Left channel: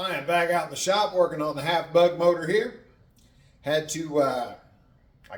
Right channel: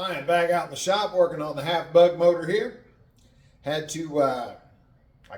I am back out in the shop working on the half bug motor here. Had to, I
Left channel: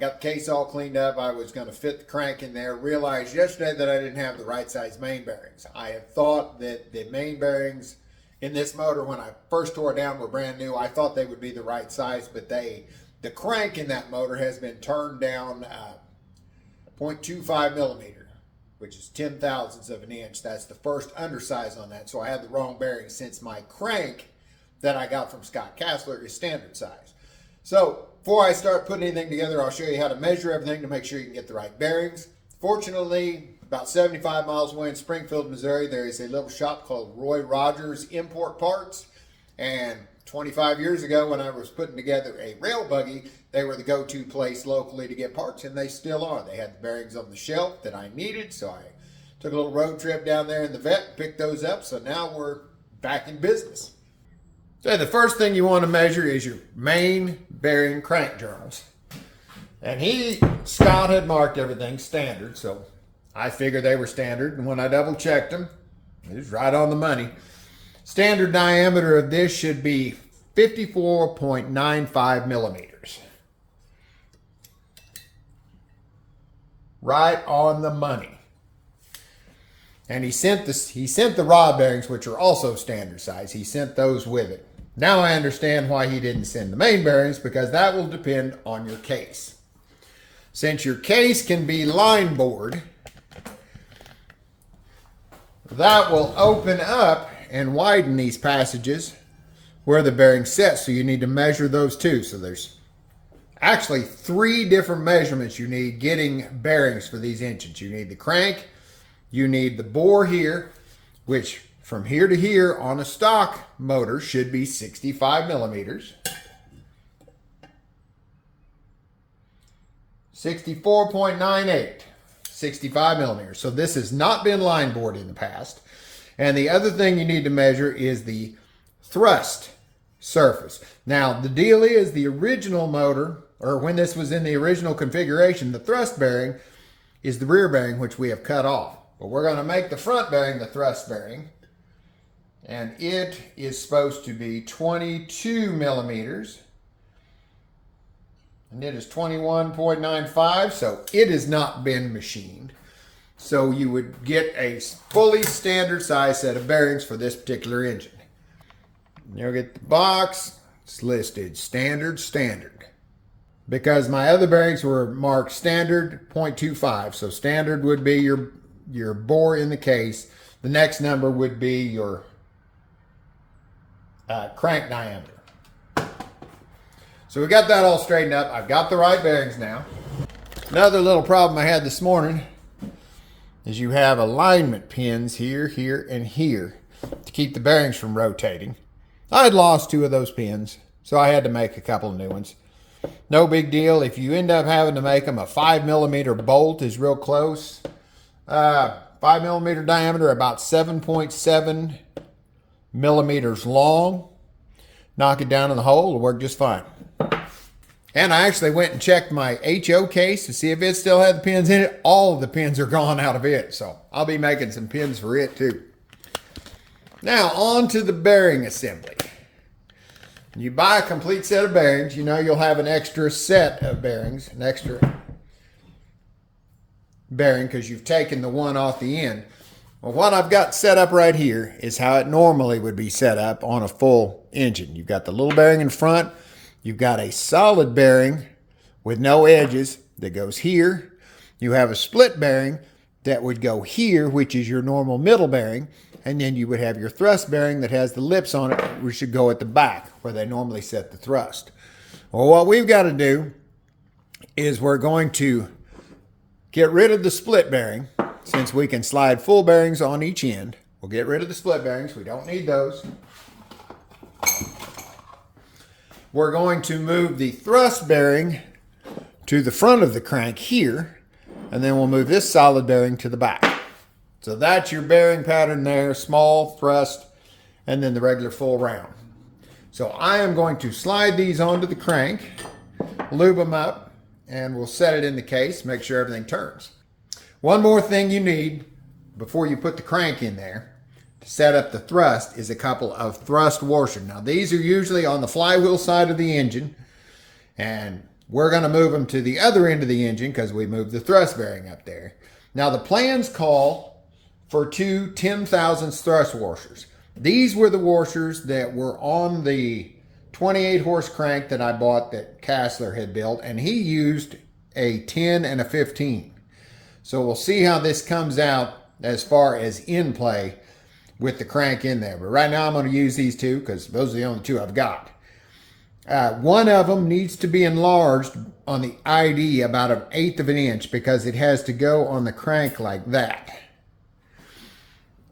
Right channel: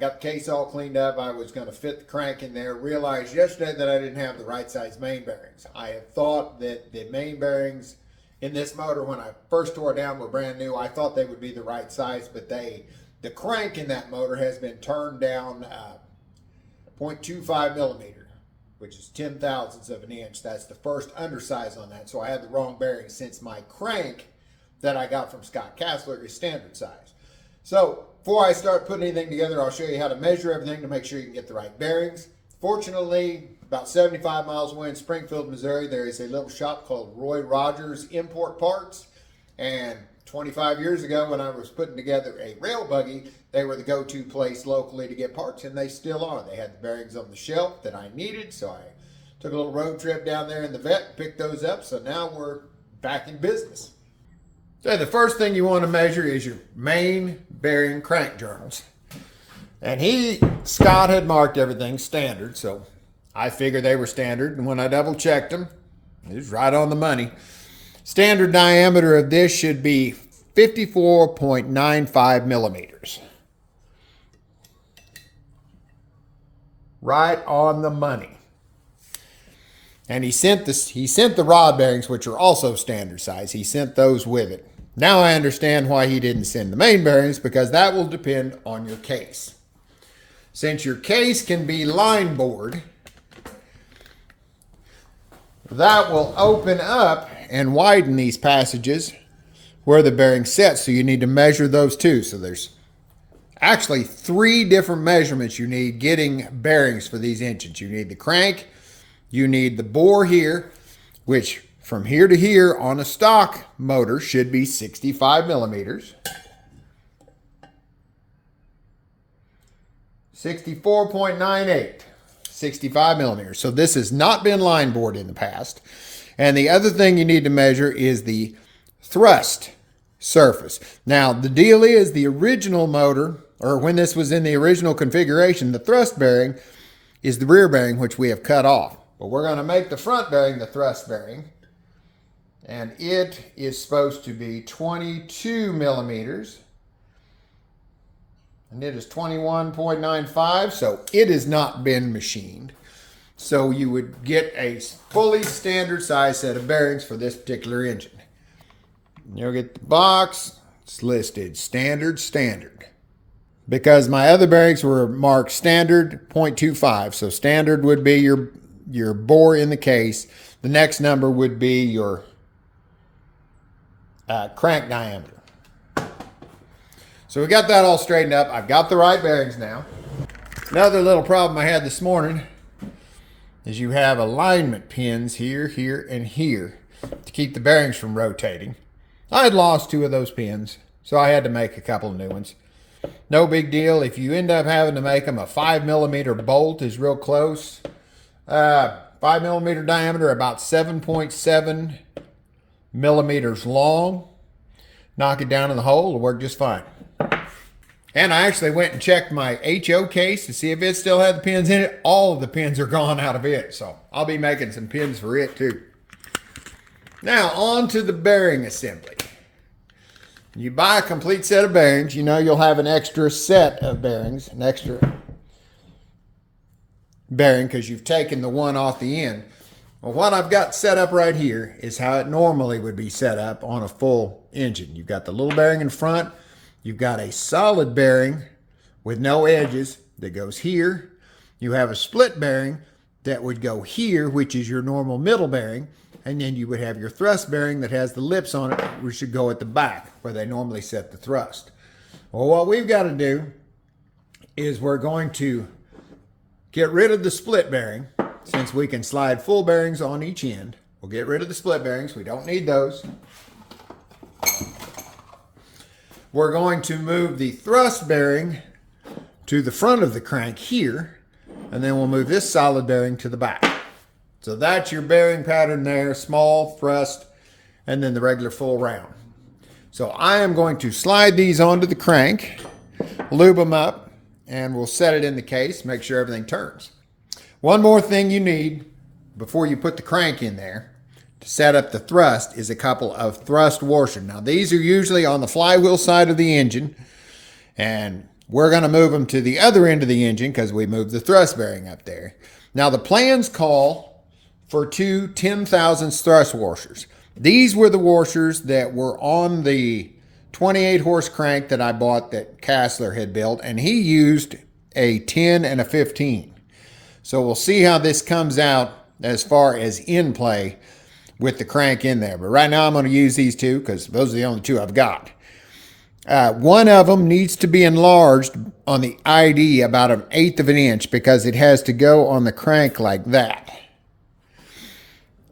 got the case all cleaned up. I was going to fit the crank in there. Realized yesterday that I didn't have the right size main bearings. I had thought that the main bearings in this motor, when I first tore it down, were brand new. I thought they would be the right size, but the crank in that motor has been turned down 0.25 millimeter, which is 10 thousandths of an inch. That's the first undersize on that. So I had the wrong bearing, since my crank that I got from Scott Kassler is standard size. So before I start putting anything together, I'll show you how to measure everything to make sure you can get the right bearings. Fortunately, about 75 miles away in Springfield, Missouri, there is a little shop called Roy Rogers Import Parts. And 25 years ago, when I was putting together a rail buggy, they were the go-to place locally to get parts, and they still are. They had the bearings on the shelf that I needed, so I took a little road trip down there in the vet and picked those up. So now we're back in business. So the first thing you want to measure is your main bearing crank journals. And Scott had marked everything standard, so I figured they were standard. And when I double checked them, it was right on the money. Standard diameter of this should be 54.95 millimeters. Right on the money. And he sent the rod bearings, which are also standard size. He sent those with it. Now I understand why he didn't send the main bearings, because that will depend on your case. Since your case can be line bored, that will open up and widen these passages where the bearing sets. So you need to measure those too. So there's actually 3 different measurements you need getting bearings for these engines. You need the crank, you need the bore here, which from here to here on a stock motor should be 65 millimeters. 64.98, 65 millimeters. So this has not been line bored in the past. And the other thing you need to measure is the thrust surface. Now, the deal is, the original motor, or when this was in the original configuration, the thrust bearing is the rear bearing, which we have cut off. But we're going to make the front bearing the thrust bearing. And it is supposed to be 22 millimeters. And it is 21.95, so it has not been machined. So you would get a fully standard size set of bearings for this particular engine. You'll get the box. It's listed standard. Because my other bearings were marked standard 0.25. So standard would be your bore in the case. The next number would be your crank diameter. So we got that all straightened up. I've got the right bearings now. Another little problem I had this morning is you have alignment pins here, here, and here to keep the bearings from rotating. I had lost 2 of those pins, so I had to make a couple of new ones. No big deal. If you end up having to make them, a 5 millimeter bolt is real close. 5 millimeter diameter, about 7.7 millimeters long. Knock it down in the hole, it'll work just fine. And I actually went and checked my HO case to see if it still had the pins in it. All of the pins are gone out of it, so I'll be making some pins for it too. Now on to the bearing assembly. You buy a complete set of bearings, you know you'll have an extra set of bearings, an extra bearing, because you've taken the one off the end. Well, what I've got set up right here is how it normally would be set up on a full engine. You've got the little bearing in front. You've got a solid bearing with no edges that goes here. You have a split bearing that would go here, which is your normal middle bearing. And then you would have your thrust bearing that has the lips on it, which should go at the back where they normally set the thrust. Well, what we've got to do is we're going to get rid of the split bearing. Since we can slide full bearings on each end, we'll get rid of the split bearings. We don't need those. We're going to move the thrust bearing to the front of the crank here, and then we'll move this solid bearing to the back. So that's your bearing pattern there, small, thrust, and then the regular full round. So I am going to slide these onto the crank, lube them up, and we'll set it in the case, make sure everything turns. One more thing you need before you put the crank in there to set up the thrust is a couple of thrust washers. Now these are usually on the flywheel side of the engine, and we're going to move them to the other end of the engine because we moved the thrust bearing up there. Now the plans call for two 10,000 thrust washers. These were the washers that were on the 28 horse crank that I bought that Kassler had built, and he used a 10 and a 15. So we'll see how this comes out as far as Endplay with the crank in there. But right now I'm going to use these two because those are the only two I've got. One of them needs to be enlarged on the ID about 1/8 of an inch because it has to go on the crank like that.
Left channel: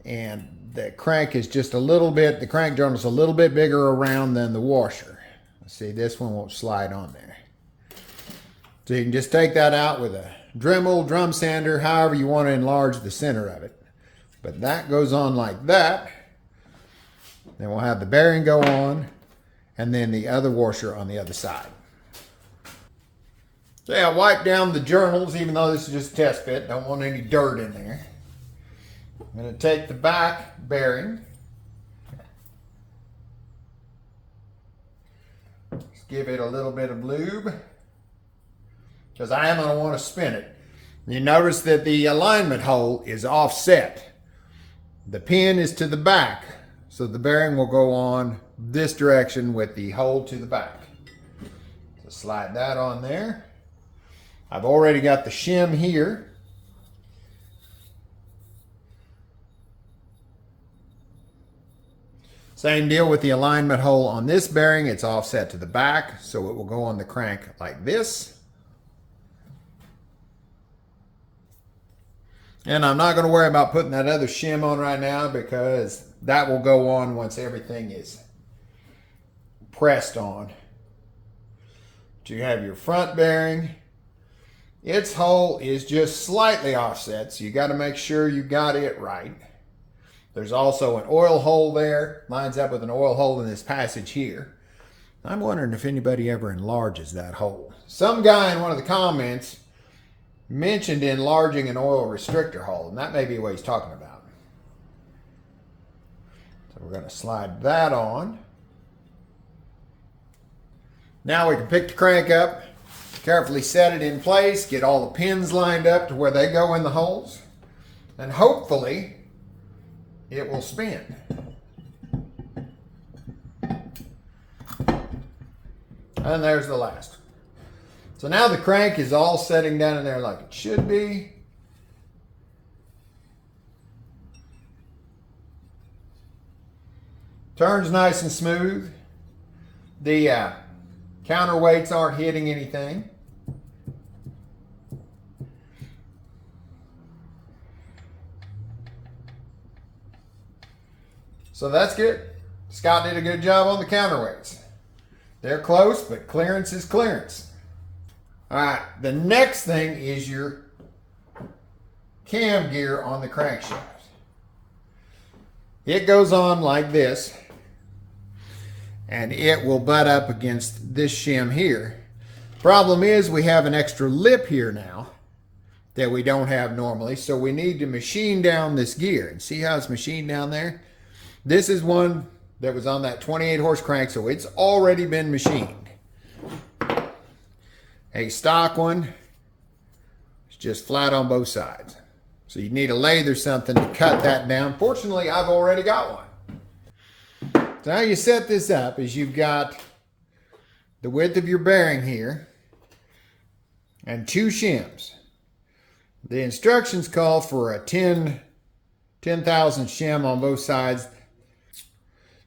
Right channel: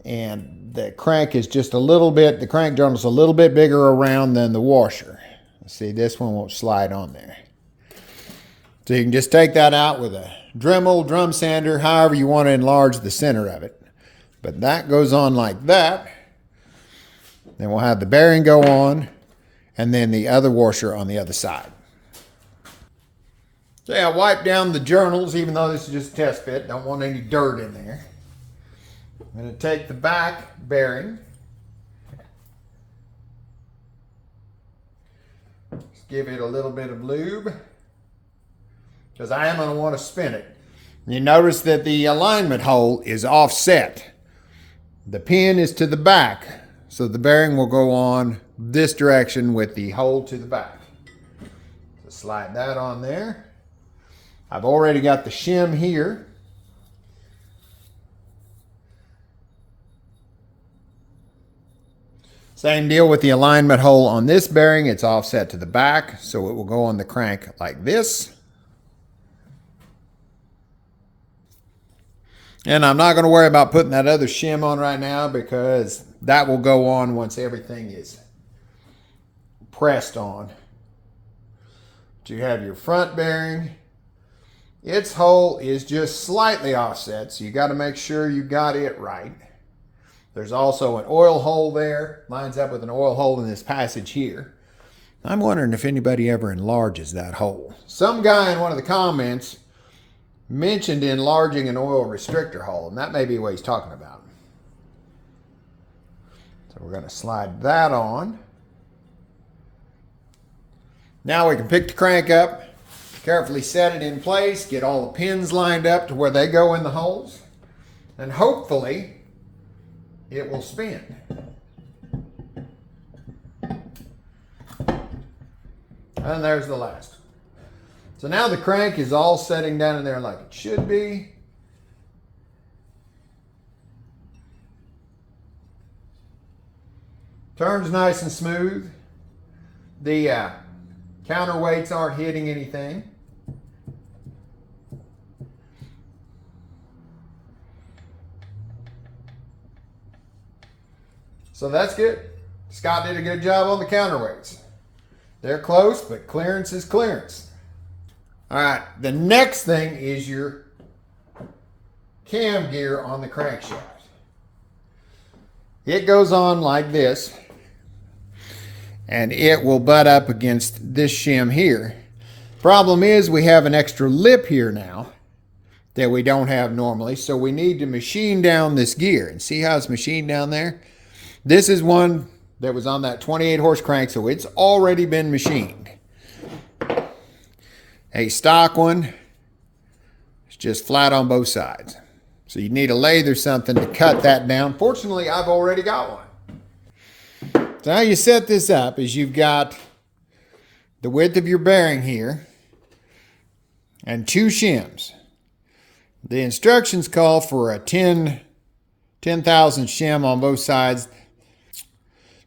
And the crank is just a little bit, the crank journal's a little bit bigger around than the washer. See, this one won't slide on there. So you can just take that out with a Dremel, drum sander, however you want to enlarge the center of it. But that goes on like that. Then we'll have the bearing go on, and then the other washer on the other side. So I wipe down the journals, even though this is just a test fit. Don't want any dirt in there. I'm going to take the back bearing. Just give it a little bit of lube, because I am going to want to spin it. You notice that the alignment hole is offset. The pin is to the back, so the bearing will go on this direction with the hole to the back. So slide that on there. I've already got the shim here. Same deal with the alignment hole on this bearing. It's offset to the back, so it will go on the crank like this. And I'm not going to worry about putting that other shim on right now because that will go on once everything is pressed on. But you have your front bearing. Its hole is just slightly offset, so you got to make sure you got it right. There's also an oil hole there, lines up with an oil hole in this passage here. I'm wondering if anybody ever enlarges that hole. Some guy in one of the comments mentioned enlarging an oil restrictor hole, and that may be what he's talking about. So we're going to slide that on. Now we can pick the crank up, carefully set it in place, get all the pins lined up to where they go in the holes, and hopefully it will spin. And there's the last. So now the crank is all setting down in there like it should be. Turns nice and smooth. The counterweights aren't hitting anything. So that's good. Scott did a good job on the counterweights. They're close, but clearance is clearance. All right, the next thing is your cam gear on the crankshaft. It goes on like this, and it will butt up against this shim here. Problem is we have an extra lip here now that we don't have normally, so we need to machine down this gear. And see how it's machined down there? This is one that was on that 28 horse crank, so it's already been machined. A stock one is just flat on both sides. So you need a lathe or something to cut that down. Fortunately, I've already got one. So how you set this up is you've got the width of your bearing here and two shims. The instructions call for a 10,000 shim on both sides.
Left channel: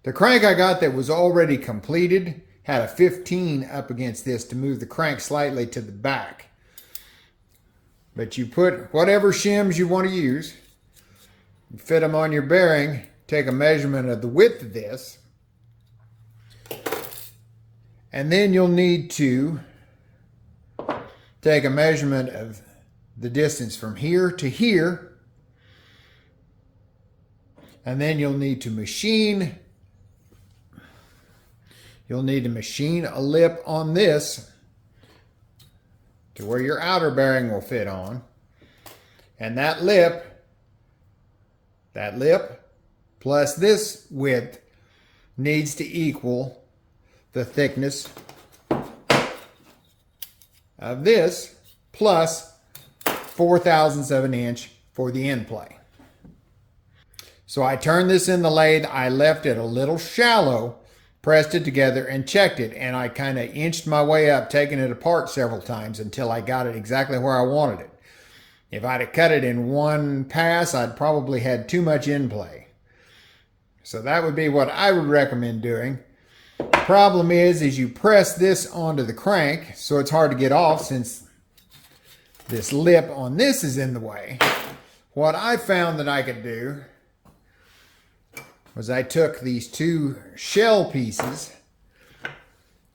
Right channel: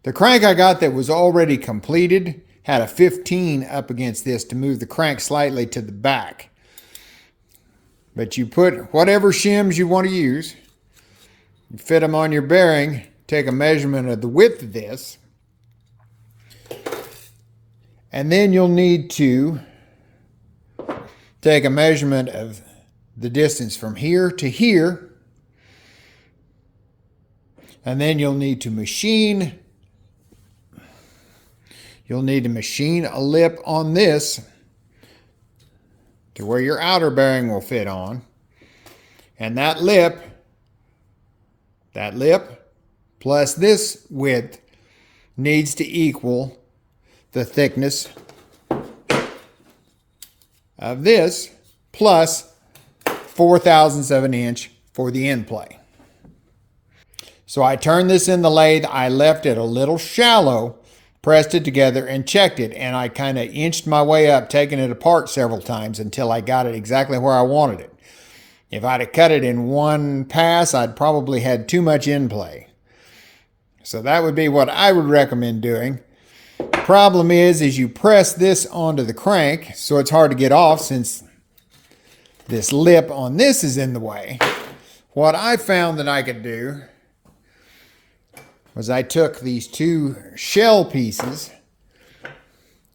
The crank I got that was already completed had a 15 up against this to move the crank slightly to the back. But you put whatever shims you want to use, you fit them on your bearing, take a measurement of the width of this, and then you'll need to take a measurement of the distance from here to here, and then you'll need to machine a lip on this to where your outer bearing will fit on. And that lip plus this width needs to equal the thickness of this plus 4/1000 of an inch for the end play. So I turned this in the lathe. I left it a little shallow, pressed it together and checked it, and I kind of inched my way up, taking it apart several times until I got it exactly where I wanted it. If I'd have cut it in one pass, I'd probably had too much end play. So that would be what I would recommend doing. The problem is you press this onto the crank, so it's hard to get off since this lip on this is in the way. What I found that I could do was I took these two shell pieces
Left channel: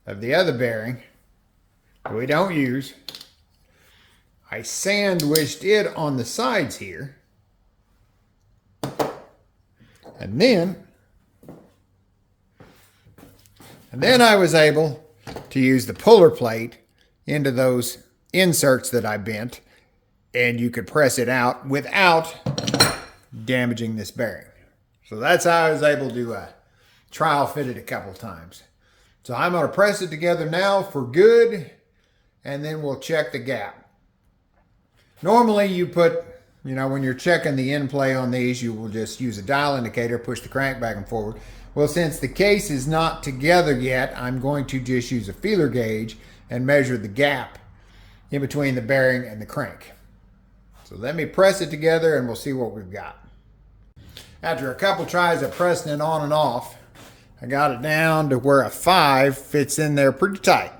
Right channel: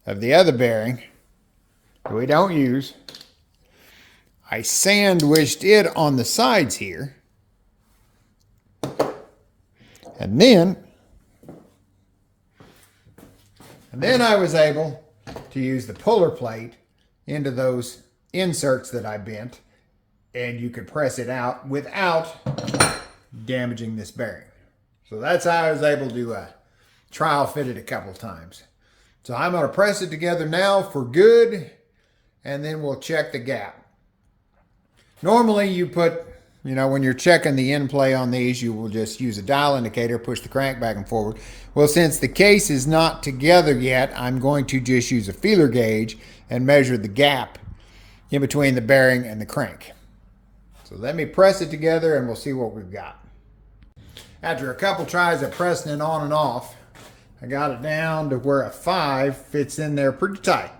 of the other bearing that we don't use. I sandwiched it on the sides here. And then I was able to use the puller plate into those inserts that I bent, and you could press it out without damaging this bearing. So that's how I was able to trial fit it a couple times. So I'm going to press it together now for good, and then we'll check the gap. Normally you put, when you're checking the end play on these, you will just use a dial indicator, push the crank back and forward. Well, since the case is not together yet, I'm going to just use a feeler gauge and measure the gap in between the bearing and the crank. So let me press it together and we'll see what we've got. After a couple tries of pressing it on and off, I got it down to where a 5 fits in there pretty tight.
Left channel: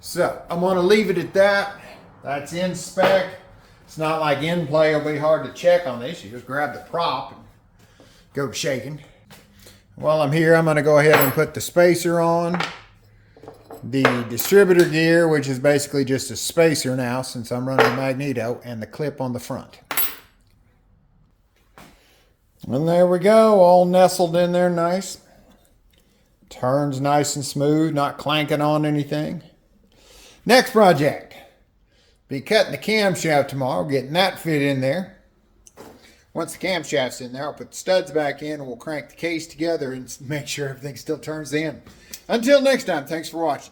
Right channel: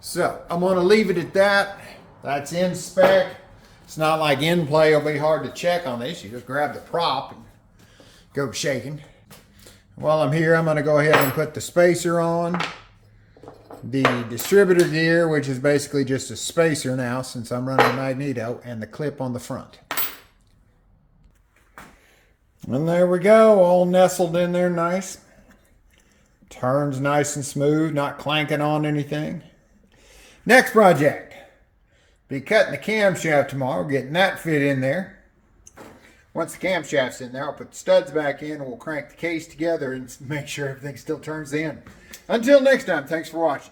So I'm going to leave it at that. That's in spec. It's not like end play will be hard to check on this. You just grab the prop and go shaking. While I'm here, I'm going to go ahead and put the spacer on. The distributor gear, which is basically just a spacer now since I'm running a magneto, and the clip on the front. And there we go, all nestled in there nice. Turns nice and smooth, not clanking on anything. Next project. Be cutting the camshaft tomorrow, getting that fit in there. Once the camshaft's in there, I'll put the studs back in and we'll crank the case together and make sure everything still turns in. Until next time, thanks for watching.